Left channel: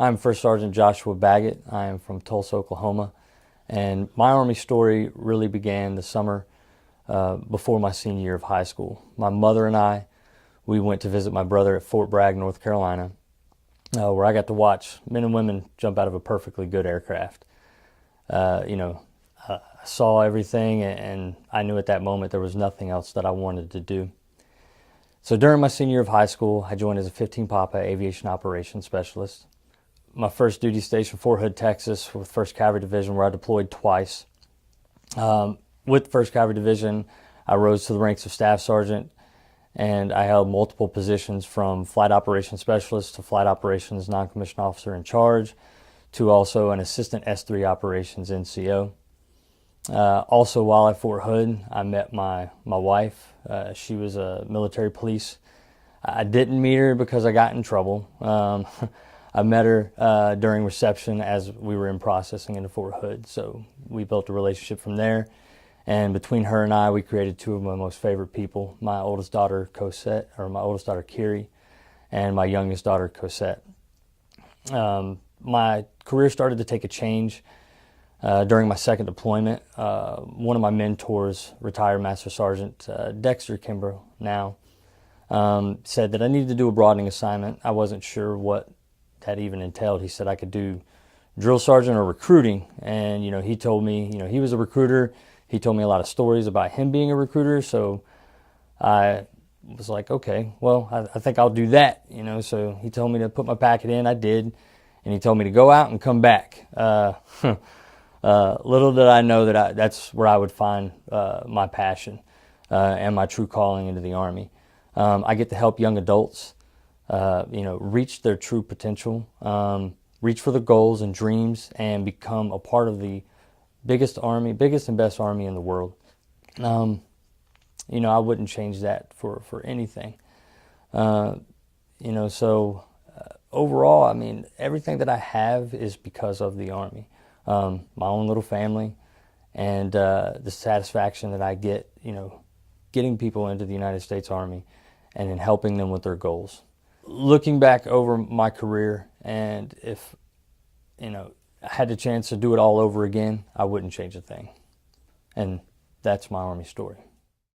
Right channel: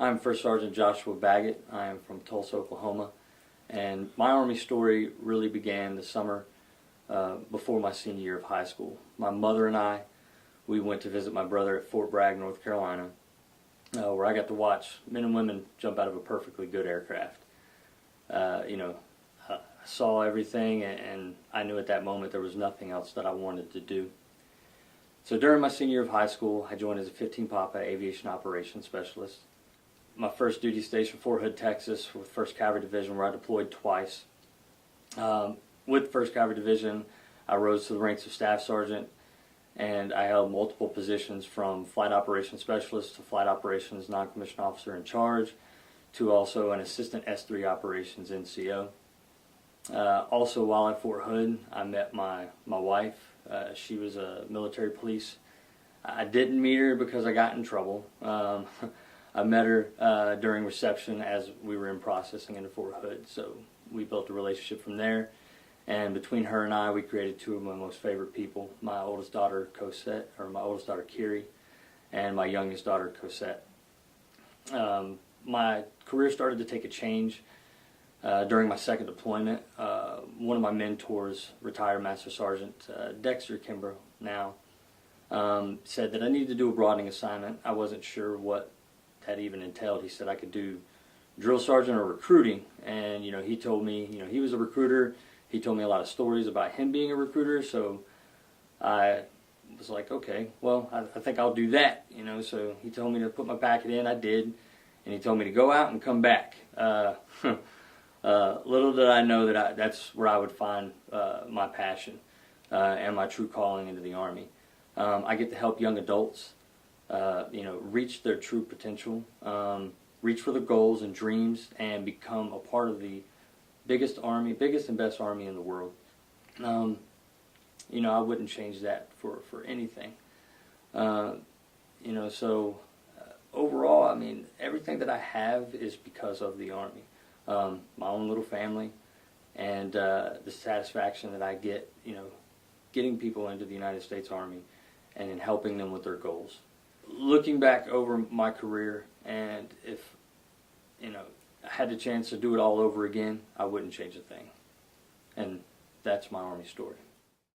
I'm First Sergeant Joshua Baggett. I am from Tulsa, Oklahoma, and my Army story really began the summer before my senior year of high school. My mother and I, we went to visit my brother at Fort Bragg, North Carolina, where I got to watch men and women jump out of a perfectly good aircraft. I saw everything, and I knew at that moment there was nothing else that I wanted to do. So during my senior year of high school, I joined as a 15 Papa Aviation Operations Specialist. My first duty station, Fort Hood, Texas, with 1st Cavalry Division, where I deployed twice. With 1st Cavalry Division, I rose to the ranks of Staff Sergeant, and I held multiple positions from Flight Operations Specialist to Flight Operations Non-Commissioned Officer in Charge, to also an Assistant S3 Operations NCO. Also, while at Fort Hood, I met my wife. She was a military police. I didn't meet her because I got in trouble. I met her during reception as we were in processing into Fort Hood, so we built a relationship from there. And between her and I, we created two of my most favorite people: my oldest daughter, Cosette, or my oldest daughter, Kiri, and my youngest daughter, Cosette. My career started to take a change during my second deployment. One of my mentors, retired Master Sergeant Dexter Kimbrough, now, said that I needed to do a broadening assignment. I wasn't sure what that even entailed. He said I could do drill sergeant or recruiting, and he told me he was a recruiter. He told me a lot of stories about him being a recruiter, so I was like, okay, well, I think I'll do that. So he told me to put my packet in. I did, and he told me to go out and come back. Little did I know that that's where I would find my passion and my true calling into the Army. I get to help young adults reach their true potential, reach for the goals and dreams, and become a part of the biggest and best army in the world. I wouldn't change that for anything. So overall, everything that I have is because of the Army. My own little family, and the satisfaction that I get, getting people into the United States Army and in helping them with their goals. Looking back over my career, and if I had the chance to do it all over again, I wouldn't change a thing. And that's my Army story.